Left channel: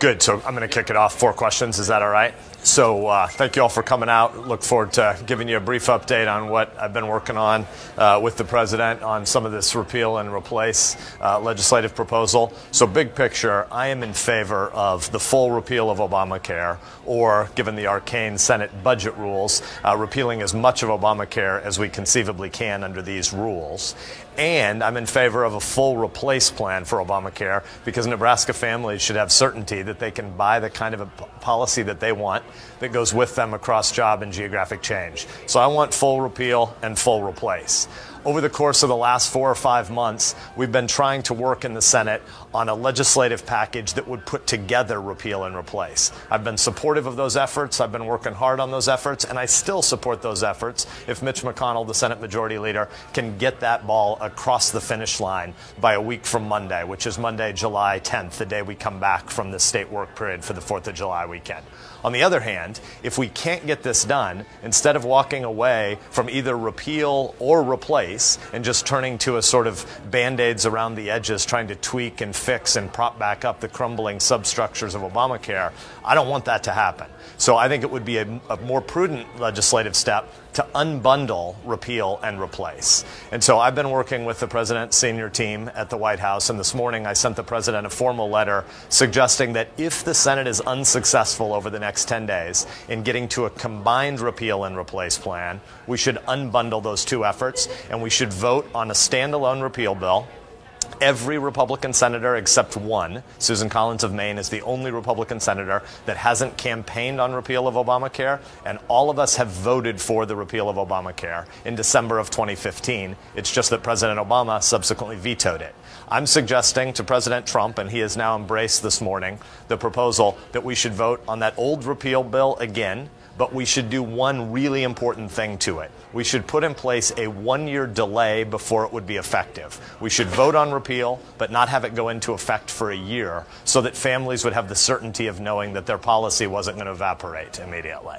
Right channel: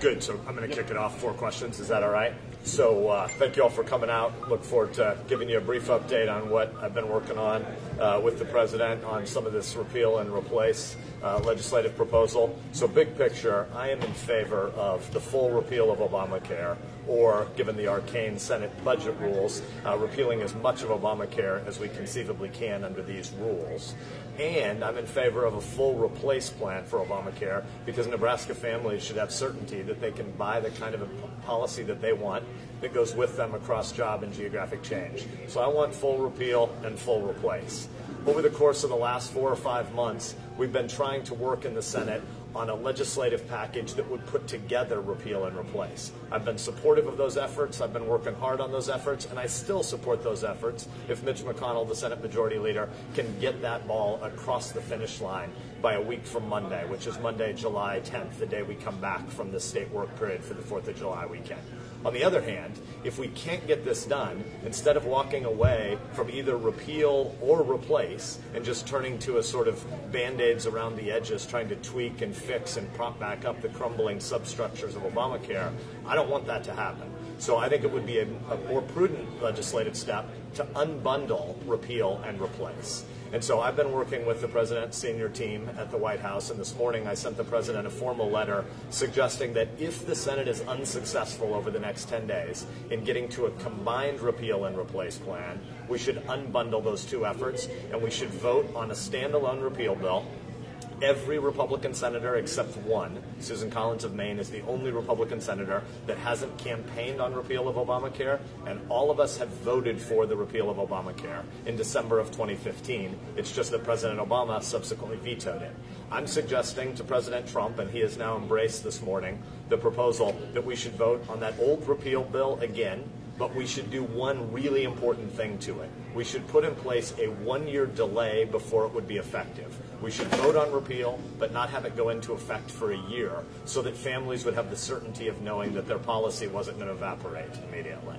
Good. So I'm going to kick it off. 4 questions. Is that all right? So thank you all for coming out. Look forward to giving you a brief update on what I've been working on with the president on some of this repeal and replace legislative proposal. So big picture, I am in favor of the full repeal of Obamacare, or, given the arcane Senate budget rules, repealing as much of Obamacare as we conceivably can under these rules. And I'm in favor of a full replace plan for Obamacare, because Nebraska families should have certainty that they can buy the kind of a policy that they want that goes with them across job and geographic change. So I want full repeal and full replace. Over the course of the last 4 or 5 months, we've been trying to work in the Senate on a legislative package that would put together repeal and replace. I've been supportive of those efforts. I've been working hard on those efforts, and I still support those efforts if Mitch McConnell, the Senate Majority Leader, can get that ball across the finish line by a week from Monday, which is Monday, July 10th, the day we come back from the state work period for the 4th of July weekend. On the other hand, if we can't get this done, instead of walking away from either repeal or replace and just turning to a sort of band-aids around the edges, trying to tweak and fix and prop back up the crumbling substructures of Obamacare, I don't want that to happen. So I think it would be a more prudent legislative step to unbundle repeal and replace. And so I've been working with the president's senior team at the White House, and this morning I sent the president a formal letter suggesting that if the Senate is unsuccessful over the next 10 days in getting to a combined repeal and replace plan, we should unbundle those 2 efforts, and we should vote on a standalone repeal bill. Every Republican senator except one, Susan Collins of Maine, is the only Republican senator that hasn't campaigned on repeal of Obamacare, and all of us have voted for the repeal of Obamacare in December of 2015. It's just that President Obama subsequently vetoed it. I'm suggesting to President Trump, and he has now embraced this morning, the proposal that we should vote on that old repeal bill again, but we should do one really important thing to it. We should put in place a 1-year delay before it would be effective. We should vote on repeal, but not have it go into effect for a year, so that families would have the certainty of knowing that their policy wasn't going to evaporate immediately.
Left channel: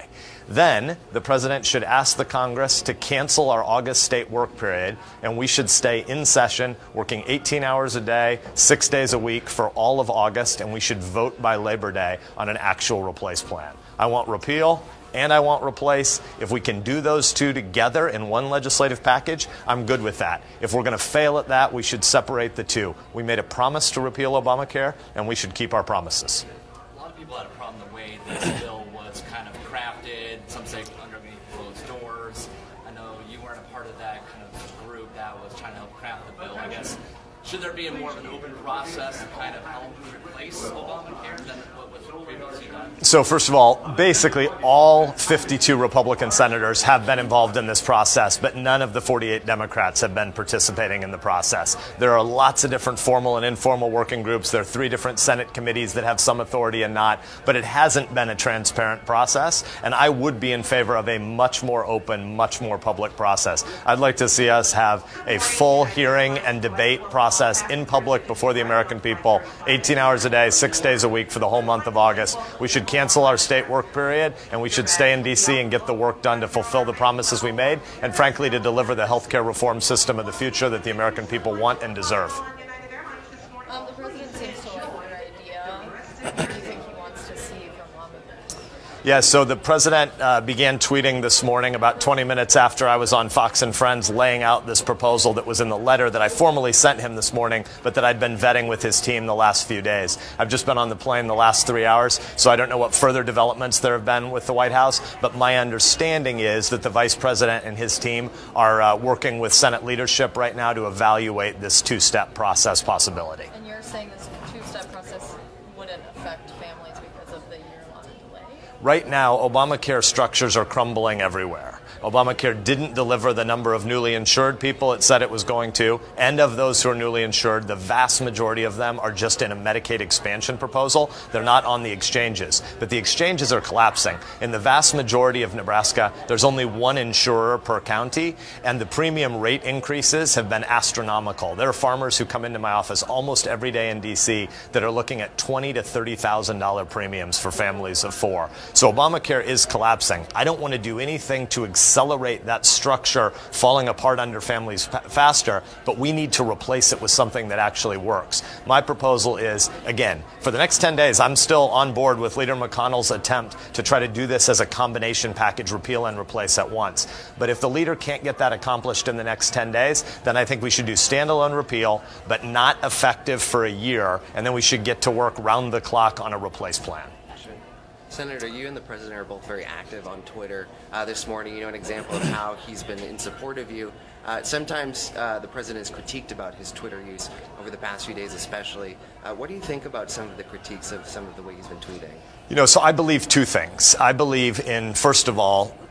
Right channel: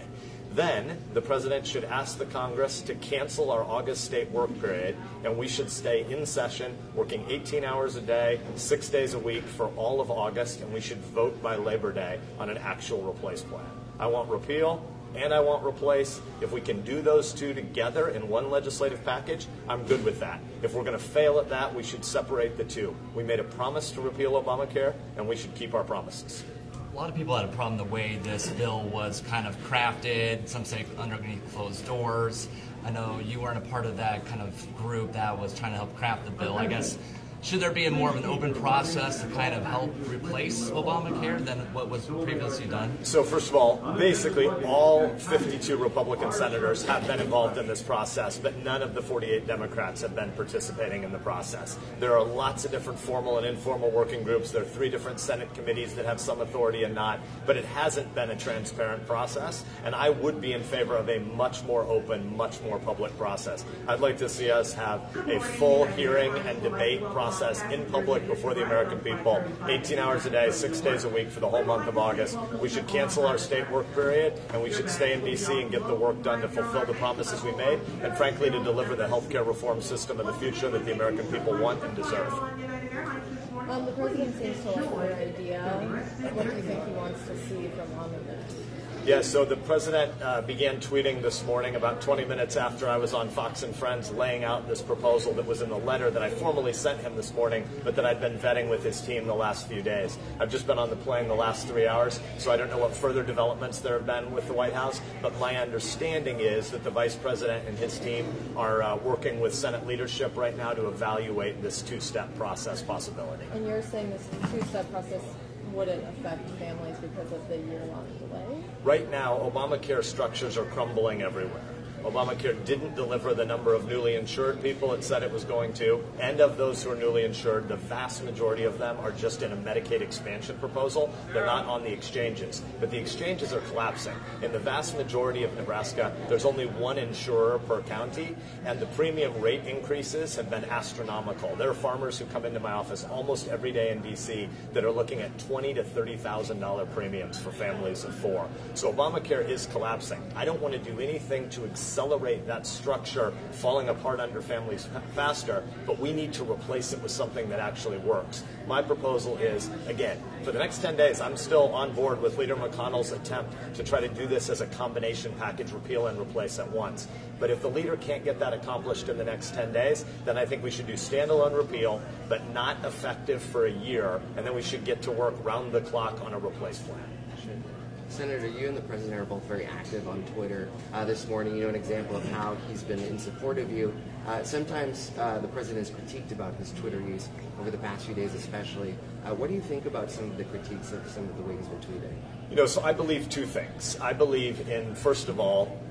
Then the president should ask the Congress to cancel our August state work period, and we should stay in session, working 18 hours a day, 6 days a week for all of August, and we should vote by Labor Day on an actual replace plan. I want repeal and I want replace. If we can do those 2 together in one legislative package, I'm good with that. If we're going to fail at that, we should separate the 2. We made a promise to repeal Obamacare, and we should keep our promises. A lot of people had a problem the way this bill was kind of crafted. Some say underneath closed doors. I know you weren't a part of that kind of group that was trying to help craft the bill. I guess, should there be more of an open process to kind of help replace Obamacare than what was previously done? So first of all, basically all 52 Republican senators have been involved in this process, but none of the 48 Democrats have been participating in the process. There are lots of different formal and informal working groups. There are 3 different Senate committees that have some authority and not, but it hasn't been a transparent process, and I would be in favor of a much more open, much more public process. I'd like to see us have a full hearing and debate process in public before the American people, 18 hours a day, 6 days a week for the whole month of August. We should cancel our state work period, and we should stay in D.C. and get the work done to fulfill the promises we made, and frankly to deliver the health care reform system of the future that the American people want and deserve. The president seems to have an idea. What do you think he wants to see from Obama? Yeah, so the president began tweeting this morning about 20 minutes after I was on Fox and Friends laying out this proposal that was in the letter that I formally sent him this morning, but that I'd been vetting with his team the last few days. I've just been on the plane the last 3 hours, so I don't know what further developments there have been with the White House, but my understanding is that the vice president and his team are working with Senate leadership right now to evaluate this 2-step process possibility. And you're saying this 2-step process wouldn't affect families because of the year-long delay? Right now, Obamacare structures are crumbling everywhere. Obamacare didn't deliver the number of newly insured people it said it was going to, and of those who are newly insured, the vast majority of them are just in a Medicaid expansion proposal. They're not on the exchanges, but the exchanges are collapsing. In the vast majority of Nebraska, there's only one insurer per county, and the premium rate increases have been astronomical. There are farmers who come into my office almost every day in D.C. that are looking at $20,000 to $30,000 premiums for families of 4. So Obamacare is collapsing. I don't want to do anything to accelerate that structure falling apart under families faster, but we need to replace it with something that actually works. My proposal is, again, for the next 10 days, I'm still on board with Leader McConnell's attempt to try to do this as a combination package, repeal and replace at once. But if the leader can't get that accomplished in the next 10 days, then I think we should do standalone repeal, but not effective for a year, and then we should get to work round the clock on a replace plan. Senator, you and the President are both very active on Twitter. This morning, an example of how he's been in support of you. Sometimes the President is critiqued about his Twitter use over the past few days especially. What do you think about some of the critiques of some of the way he's been tweeting? So I believe two things. I believe in, first of all,